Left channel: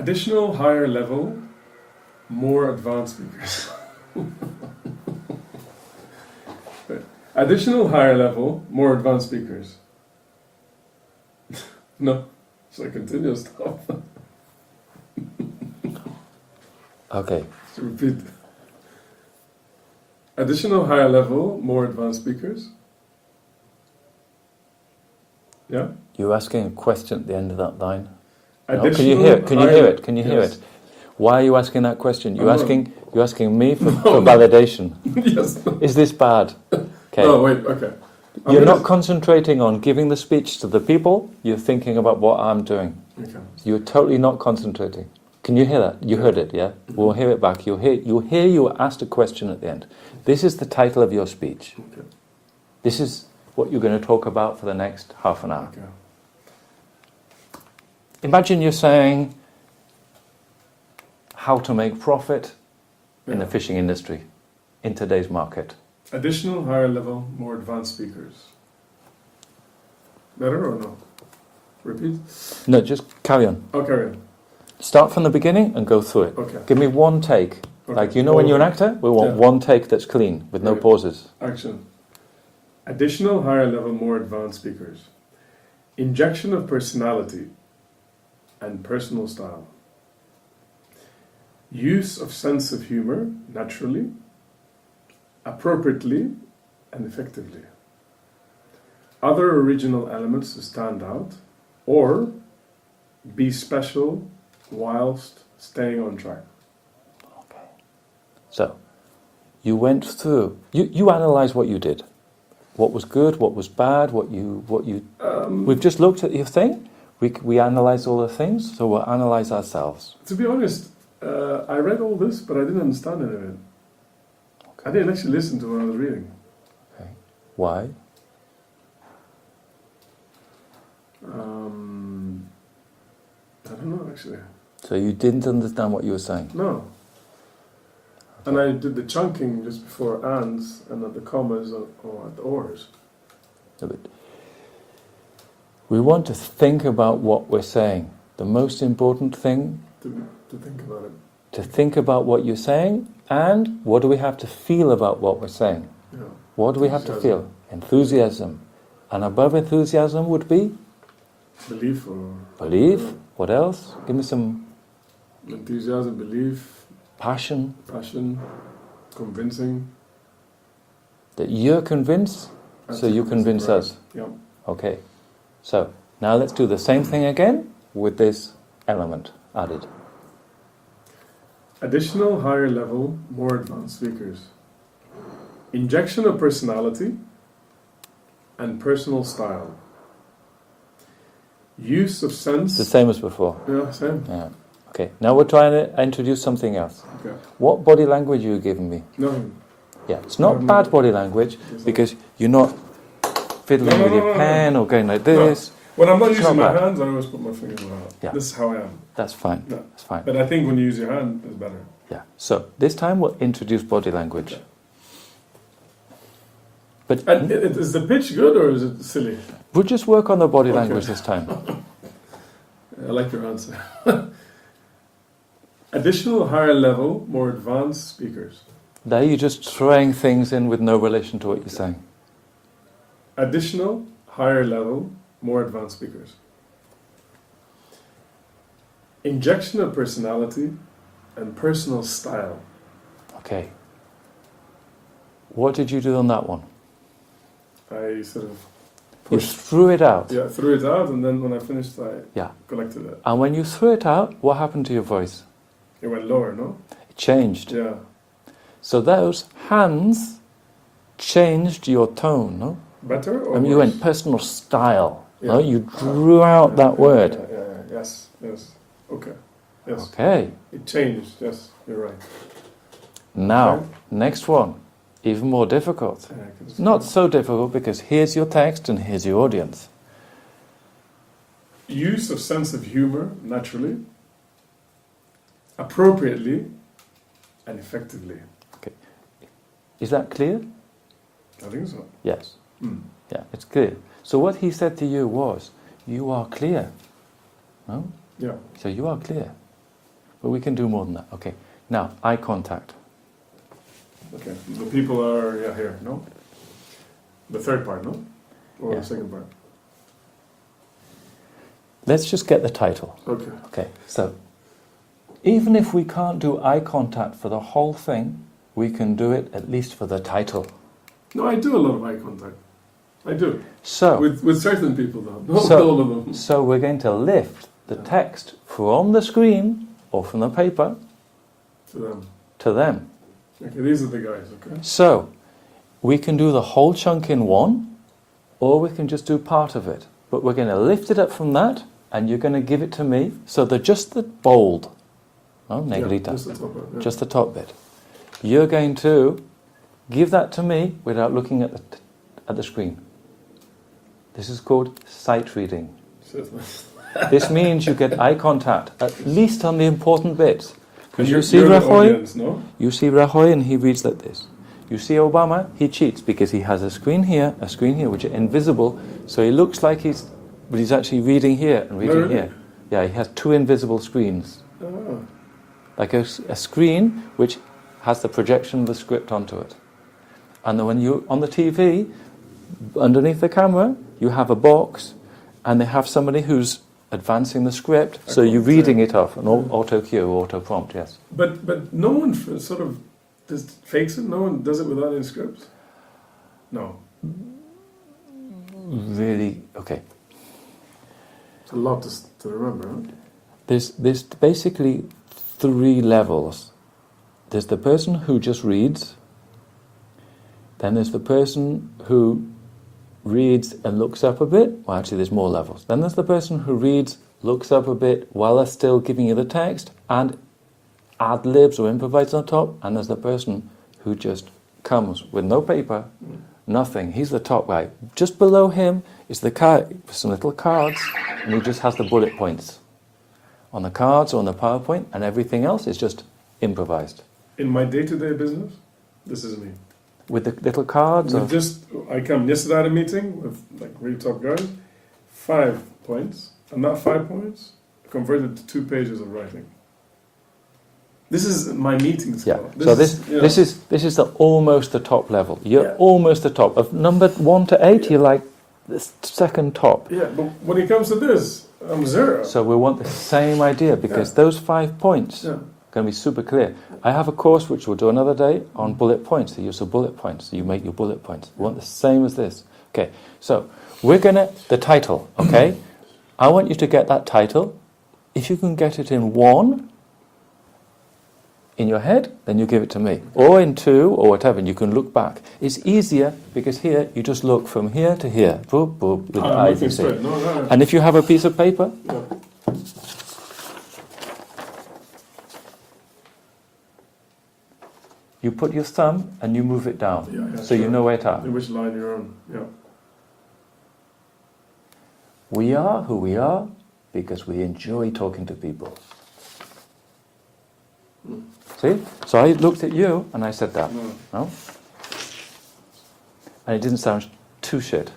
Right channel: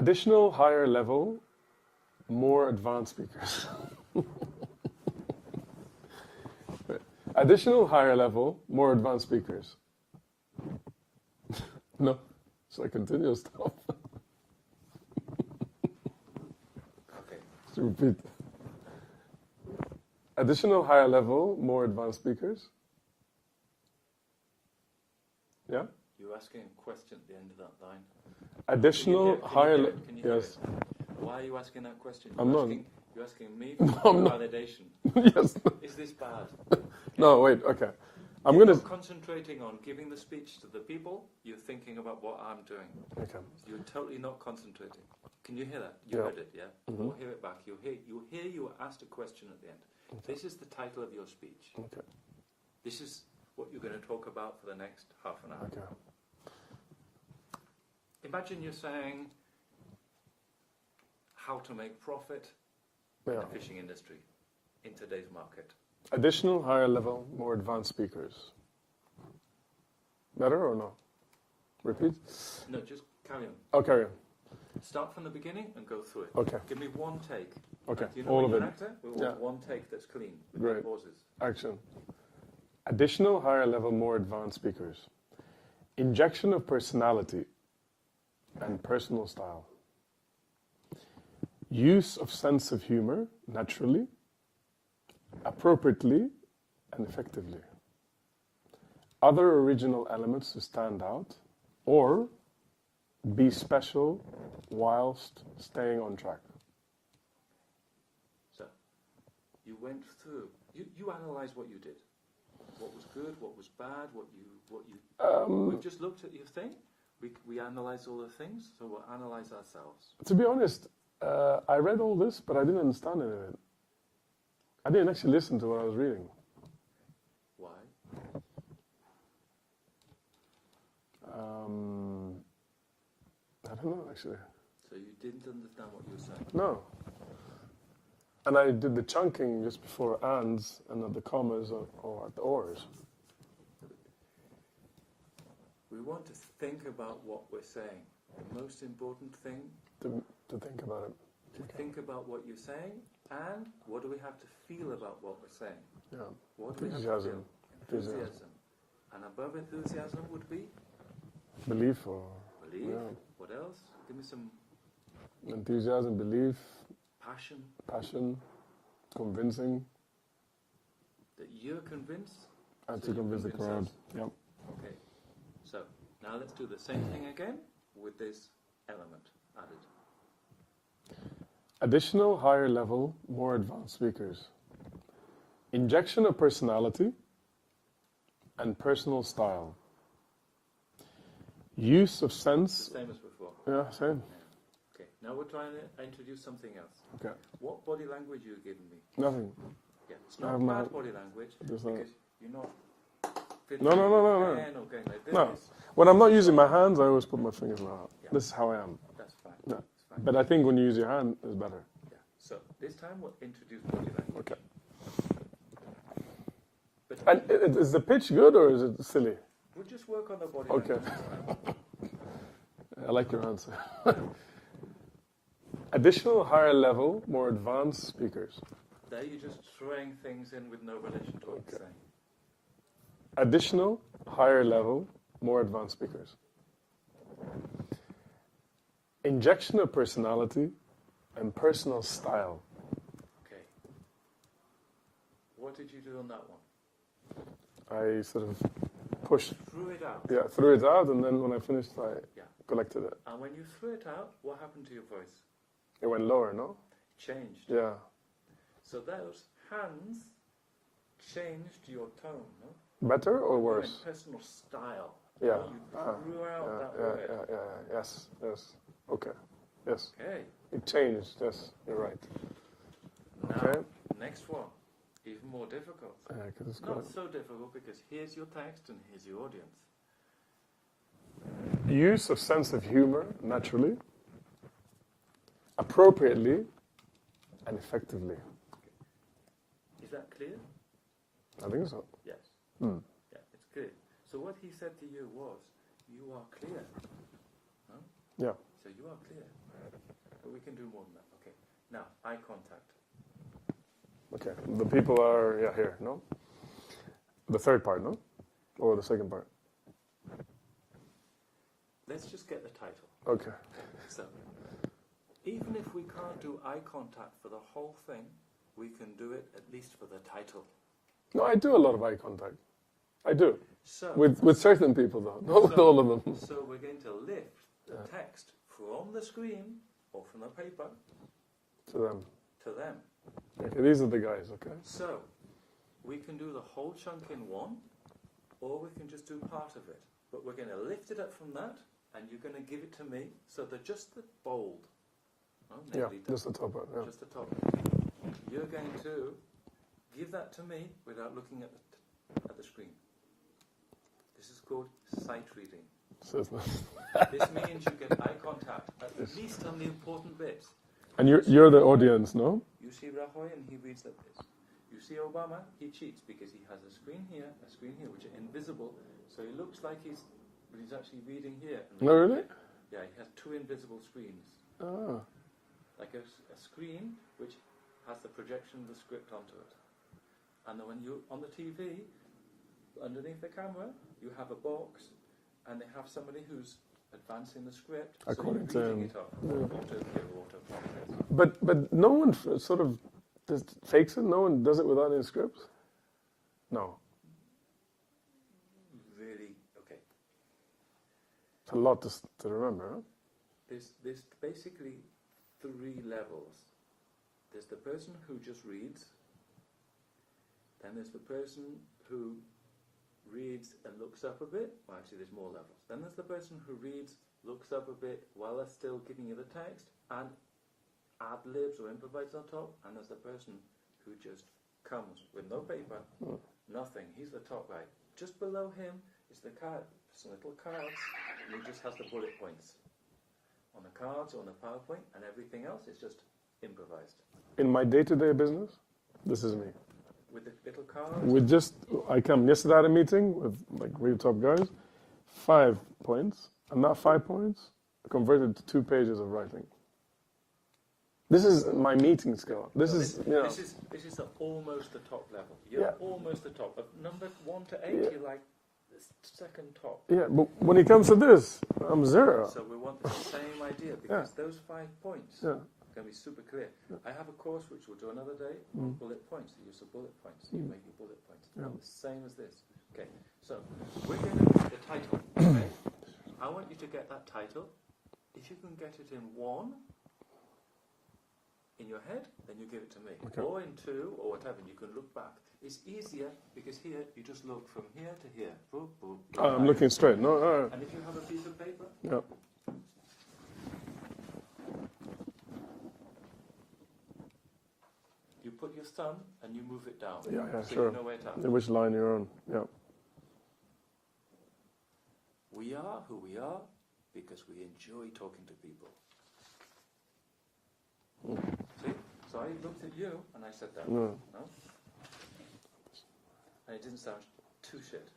Additional higher level, more advanced speakers. Additional higher level, more advanced speakers. No, so I continue stuff. Okay. To repeat. Additional higher level, more advanced speakers. Yeah? You're asking a question at the end of that line. No? Additional Can you hear it? Can you hear it? Can you hear yes. it? Why are you asking that question? You're I'm asking me for validation. Yes. Is this bad? Okay. No, wait, okay. You're not concentrating on giving the speech to the people, you're thinking about what I'm doing. Okay. You're totally not concentrating. Can you hear that? You heard it, yeah? We'll hear it back. You'll hear you asked a question at the end. This is the title of your speech. Okay. This is what you're going to talk about for the next half an hour. Okay. Imagine you're saying how to make profit in the fishing industry in today's market. Additional higher level, more advanced speakers. Better or no? Repeat? No, just carry on. Oh, carry on. Start from the beginning and go through it. Okay. Give me one take. Okay. Like, you know when you're an actor? We want one take that's clean, with no Right. pauses. Action. Additional higher level, more advanced speakers. Injection of personality and personal style. Use of sense of humor naturally, appropriately, and effectively. Other original elements to stand out, or be special whilst staying on track. Okay. So, you went through, you analysed what you did. What was good, what was bad, we've just looked at your thing, we analysed all the things, so we'll analyse ourselves. To be honest, I read all this, but I didn't understand any of it. Okay. I didn't actually listen to what I was reading. Okay. Why? I don't know, actually. So you didn't understand what you were saying? No. And I did the chunking just before ands and at the commas or at the ors. No, but we want to think about what we're saying. The most important thing To think about it. to think about what you're saying, and what do we have to feel about what we're saying? Yeah. What do we have to feel? Enthusiasm. And above enthusiasm would be? Belief or... Belief. What else? Give me some... Enthusiasm, belief, Passion. passion, convincing. That you're convinced, so you convince us. Yeah. Okay. So, now let's do the same thing again with this element added. Additional higher level, more advanced speakers. Injection of personality and personal style. Use of sense... It's the same as before. Yeah, same. Yeah. Okay. Now we're trying to introduce something else. Okay. What body language are you giving me? Nothing. Yeah, it's not bad body language because you're not fiddling with your pen or going like this. When I'm not It's using not my bad. hands, I always put my fingers out. Yeah. This is how I am. That's fine. Yeah. That's fine. But I think when you use your hand, it's better. Yeah. So this time we'll introduce body language. Okay. But And is the pitch good or is it silly? we'll just work on the body Okay. language this time. I like your answer. Additional higher level, more advanced speakers. There you're just throwing things in with no relation to what you're saying. Additional higher level, more advanced speakers. Injection of personality and personal style. Okay. What did you do on that one? I sort of You pushed, threw it out. yeah, threw it out, and then when I finished, I Yeah. collected it. And when you threw it out, what happened to your voice? It went lower, no? It changed. Yeah. So those hands changed your tone, no? Better or I mean, you worse? went personal style. No, Yeah. you drew out that word. Yeah. Yes. Okay. Yes. Okay. It changed. Yes, you're right. Now, Okay. next one, even more difficult. Yeah, 'cause it's Not so difficult because here's your text and here's your audience. Use of sense of humor naturally, appropriately, and effectively. Is that clear? I think so. Yes. Mm. Yeah, it's clear. So what he said to you was, you are clear. No? Yeah. So you are clear. But we can do more than that. Okay. Now, eye contact. Okay. The people are here, no? The third part, no? Or Yeah. the second part? Let's just get the title. Okay. Okay. So, even if we can't do eye contact for the whole thing, we can do it at least for the title. No, I do a lot of eye contact. I do. So, With certain people, though. Not with So- all of them. so we're going to lift the text from the screen or from the paper To them. to them. Okay, these are the guys, okay? So, we can do the whole chunk in one, or we can just do part of it. But we're going to lift it up from that, and you're going to give it to me. So they're just the bold. No, negrita. Just the top part, yeah. Just the top bit. You're going to give that to me without looking at the screen. This is called sight reading. This means you get eye contact, at least on the important bits. And You you're see the Rajoy? audience, no? You see Rajoy and he reads like this. You see Obama, he cheats because he has a screen here, which are invisible, so he looks like but he's actually reading here and reading Really? here. Yeah, he has two invisible screens. Ah. Like a screen which has the projection of the script onto it. And then when you're on the TV, underneath the camera, you have a box, and they have somebody who's advancing the script, so you're reading it off, an auto cue, auto prompt, yes. But no one sort of just fakes it? No one does it without any script? No. Really, okay. It's a lot to remember, huh? There's basically three levels. There's the person who just reads, then there's the person who reads and looks up a bit. Well, actually, there's more levels. Then there's the person who reads, looks up a bit while they're still giving you the text and ad-libs or improvises on top. And there's the person who just comes with no paper, nothing. He's the top guy. Just below him is the card, some little cards, and he just has the bullet points on the cards or on the PowerPoint, and everything else is just improvised. In my day-to-day business, this is me. With the little cards? With I come yesterday at a meeting with like really top guys, 5 points, and that 5 points converted to 2 pages of writing. This is my meeting Yeah. skill. This is almost the top level. You're Yeah. almost the top. Of number 1 to 8, you're like the second top. Yeah, but when it comes to this, I'm 0. So we want the same idea, because those 5 points Yeah. are going to be super clear. I have a course which we'll do another day on bullet points, the use of bullet points. You make your bullet points. We want the same as this. Okay, so we're going to, the title, okay? I want you to get that title. If you can get it in 1 in your head, then you give it to me. Or in 2, or whatever, and you can look back. It's easier because here you just look from here to here. Boop, boop, with the eyes, you see. No. And if you have a piece of paper, No. you put your thumb and you move it down, Yeah, so you sure. know where to at. Which line you're on, yeah. We are who we are because we enjoy talking to people. See? So I looked at you and I said that. No. No? And it didn't sound too shit.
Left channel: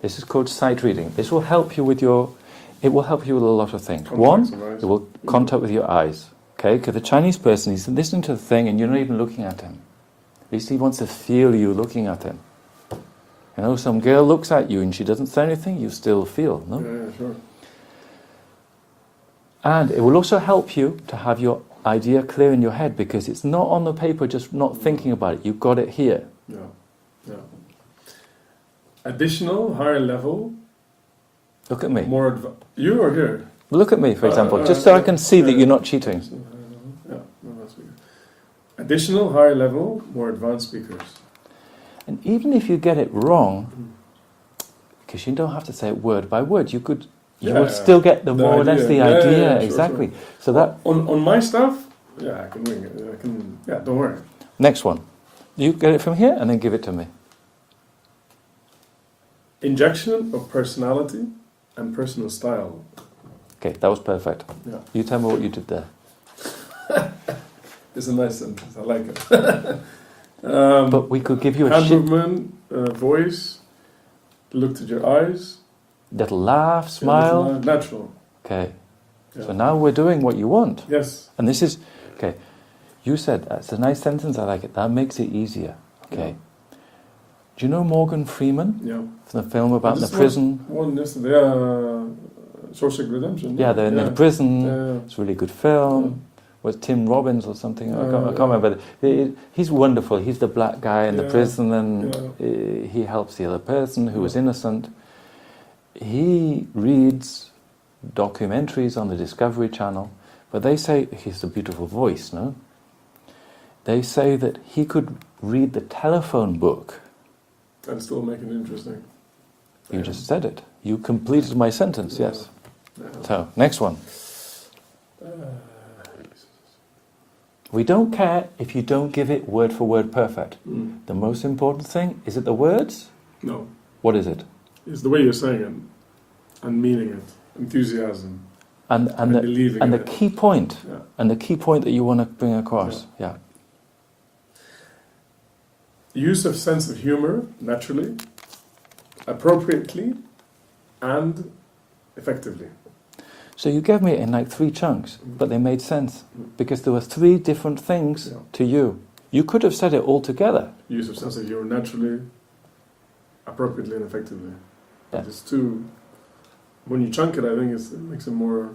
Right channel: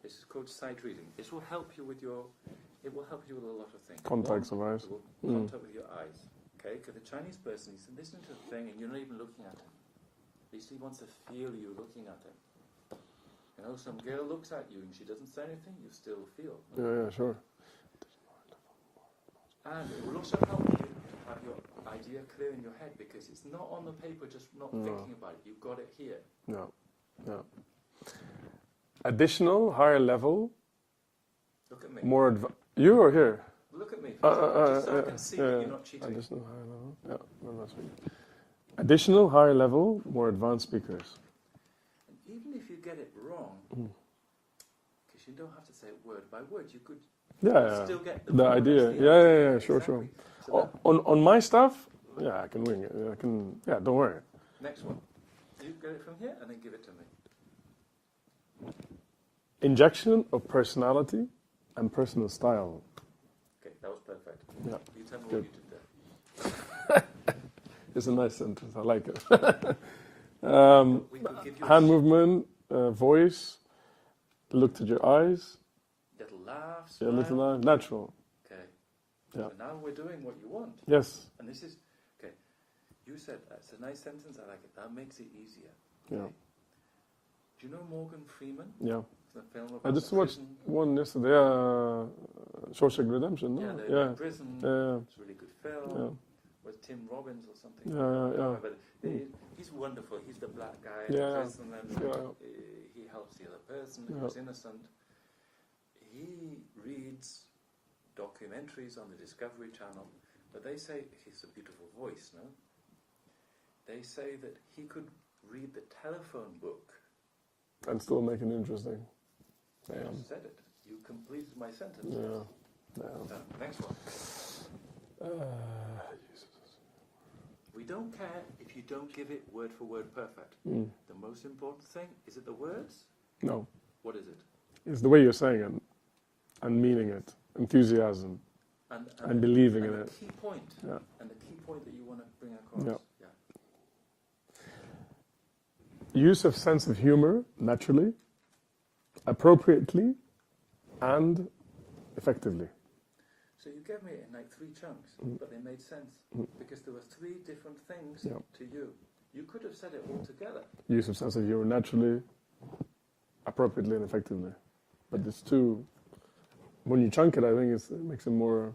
This is called sight reading. This will help you with it will help you with a lot of things. Contacts of One, eyes. it will contact with your eyes. Okay? Because the Chinese person, he's listening to the thing and you're not even looking at him. At least he wants to feel you looking at him. You know, some girl looks at you and she doesn't say anything, you still feel, no? Yeah, sure. And it will also help you to have your idea clear in your head, because it's not on the paper just not thinking about it. You've got it here. Yeah. Additional, higher level, Look at me. more you or here? Look at me, for example, just so I can see that you're not cheating. Yeah, no, that's good. Additional, higher level, more advanced speakers. And even if you get it wrong, because you don't have to say it word by word, you will still get the more or less the idea. Yeah, Exactly. Sure. So that on my stuff, yeah, I can ring it. Don't worry. next one, you get it from here and then give it to me. Injection of personality and personal style. Okay, that was perfect. Yeah. You tell me what you did there. It's a nice sentence. I like it. But we could give you a hand movement, voice, look to your eyes, little laugh, smile. natural. Okay. Yeah. So now we're doing what you want. Yes. And this is, okay, you said, that's a nice sentence, I like it. That makes it easier. Okay. Yeah. Do you know Morgan Freeman? Yeah. From the film about I the just prison? One yesterday, Shawshank Redemption. Yeah, they're in the prison. Yeah. It's a really good film. Was Tim Robbins or something? I can't Yeah. remember. He's wonderful. He's the black guy in the Yeah. prison, and he helps the other person who was innocent. He reads documentaries on the Discovery Channel, but they say, he has a beautiful voice, no? They say that he could read the telephone book. And still make it interesting. You just said it. You completed my sentence, yes. Yeah. So, next one. We don't care if you don't give it word for word perfect. The most important thing, is it the words? No. What is it? It's the way you're saying it and meaning it. Enthusiasm. And believing the in it. key point. Yeah. And the key point that you want to bring across. Yeah. Use of sense of humor, naturally, appropriately, and effectively. So you gave me it in like 3 chunks, but they made sense. Because there were 3 different things to you. You could have said it all together. Use of sense of humor, naturally, appropriately, and effectively. Yeah. But it's too... When you chunk it, I think it makes it more...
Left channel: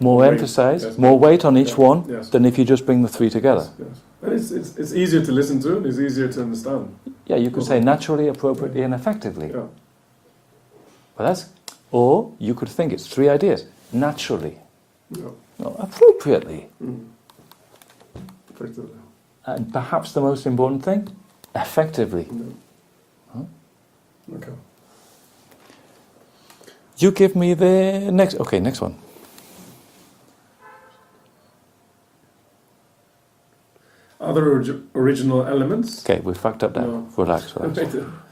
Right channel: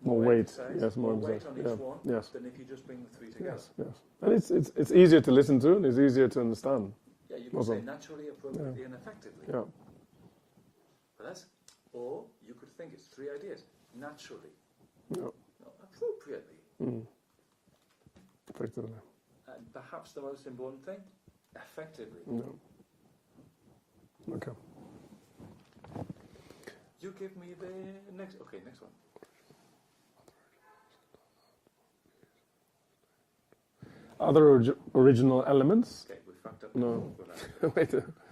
More weight. emphasized, Yes, more weight on each one Yes. than if you just bring the 3 together. Yes. And it's easier to listen to, and it's easier to understand. Yeah, you could say naturally, appropriately, and effectively. Yeah. But that's, or you could think it's 3 ideas. Naturally, Yeah. no, appropriately, Effectively. and perhaps the most important thing, effectively. Yeah. Huh? Okay. You give me the next. Okay, next one. Other original elements. Okay, we fucked up there. No. Relax.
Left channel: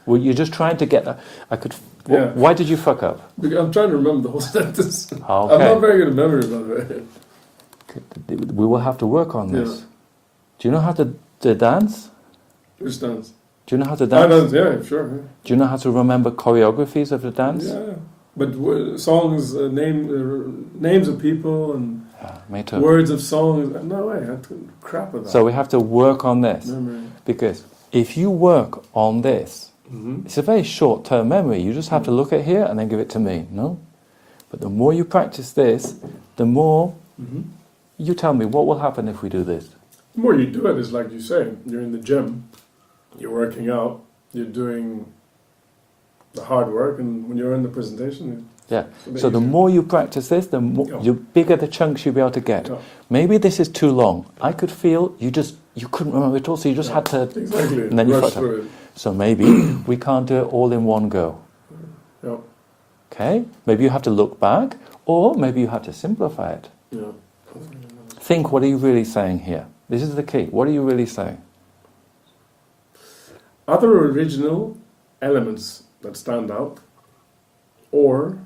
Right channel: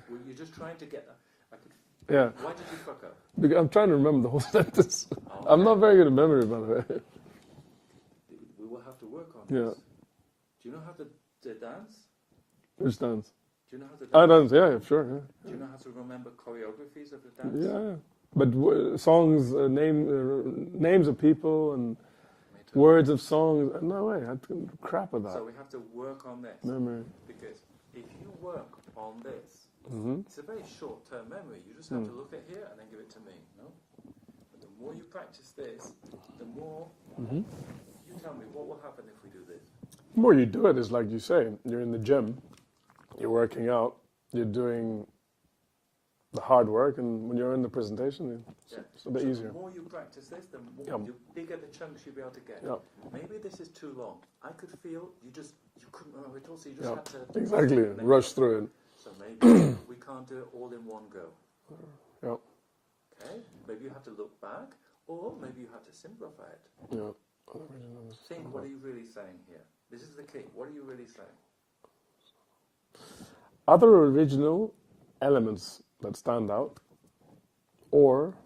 Well, you're just trying to get that. I could. Yeah. Why did you fuck up? Because I'm trying to remember the whole sentence. Okay. I'm not very good at memory, by the way. We will have to work on this. Yeah. Do you know how to dance? Which dance? Do you know how to Ah, dance? dance, yeah, sure. Yeah. Do you know how to remember choreographies of the dance? Yeah. But songs, names of people, and Yeah, me too. words of songs. No way, I couldn't crap with that. So we have to work on this. Memory. Because if you work on this, it's a very short-term memory. You just have to look at here and then give it to me, no? But the more you practice this, the more... You tell me, what will happen if we do this? The more you do it, it's like you say, you're in the gym, you're working out, you're doing the hard work, and when you're in the presentation... Yeah. it's a bit So the easier. more you practice this, the bigger the chunks you'll be able to get. Yeah. Maybe this is too long. I could feel you couldn't remember it all, so you just had to... Exactly. And then you rush fucked up. through it. So maybe we can't do it all in one go. Yeah. Okay? Maybe you have to look back, or maybe you have to simplify it. Yeah. Think, what are you really saying here? This is the key. What are you really saying? Other original elements that stand out, or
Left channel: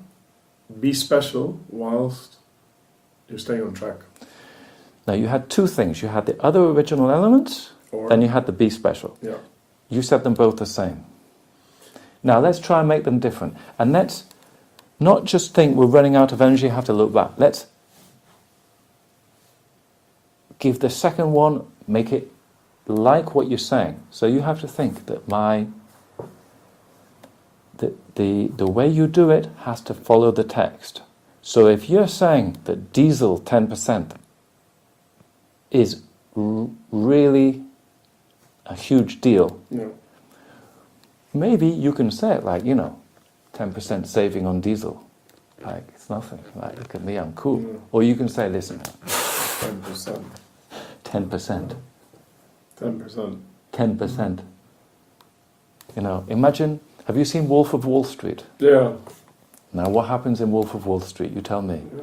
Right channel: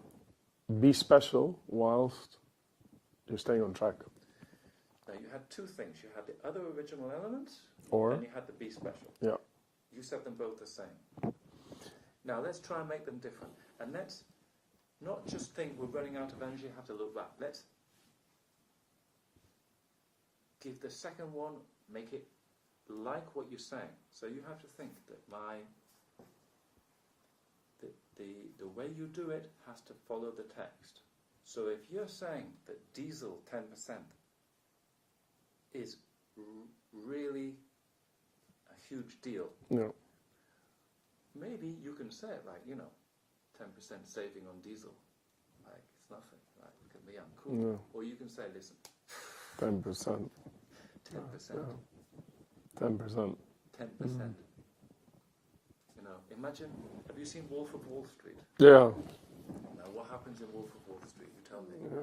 be special whilst you're staying on track. Now, you had 2 things. You had the other original elements, Or, then you had the be special. yeah. You said them both the same. Now, let's try and make them different. And let's not just think we're running out of energy, have to look back. Let's give the second one, make it like what you're saying. So you have to think that the way you do it has to follow the text. So if you're saying that diesel 10% is really a huge deal, Yeah. maybe you can say it like, 10% saving on diesel. Like, it's nothing. Like, look at me, I'm cool. Yeah. Or you can say, listen, 10%. 10%. 10%. 10%. Imagine, have you seen Wolf of Wall Street? Yeah. Now, what happens in Wolf of Wall Street? You tell me. Yeah.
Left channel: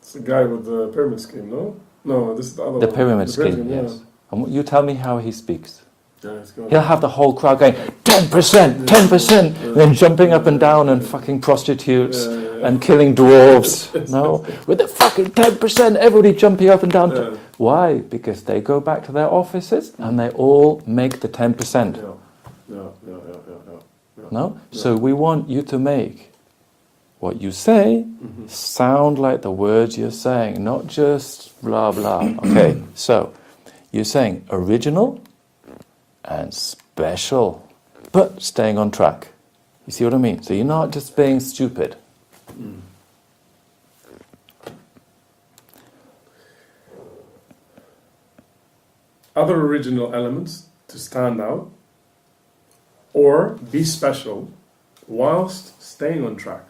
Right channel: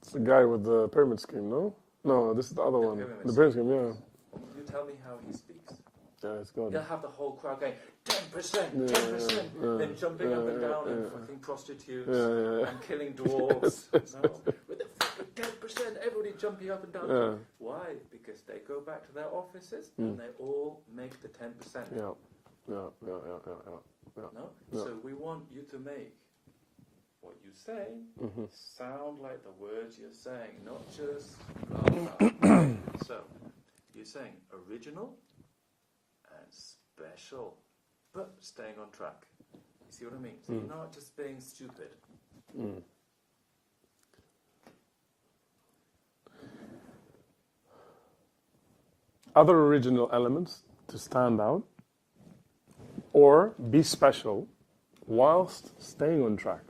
It's the guy with the pyramid scheme, no? No, this is the other The one. pyramid scheme, yeah. yes. And you tell me how he speaks. Yeah, it's got He'll have the whole crowd going, 10%, 10%, and then jumping up and down and fucking prostitutes and killing dwarves. No? With the fucking 10%, everybody jumping up and down. Yeah. Why? Because they go back to their offices and they all make the 10%. Yeah. No? So we want you to make what you say Mhm. sound like the words you're saying, not just blah blah. Okay, so you're saying original and special, but staying on track. You see what I mean? So you're not just being stupid. Mm. Other original elements to stand out or be special whilst staying on track.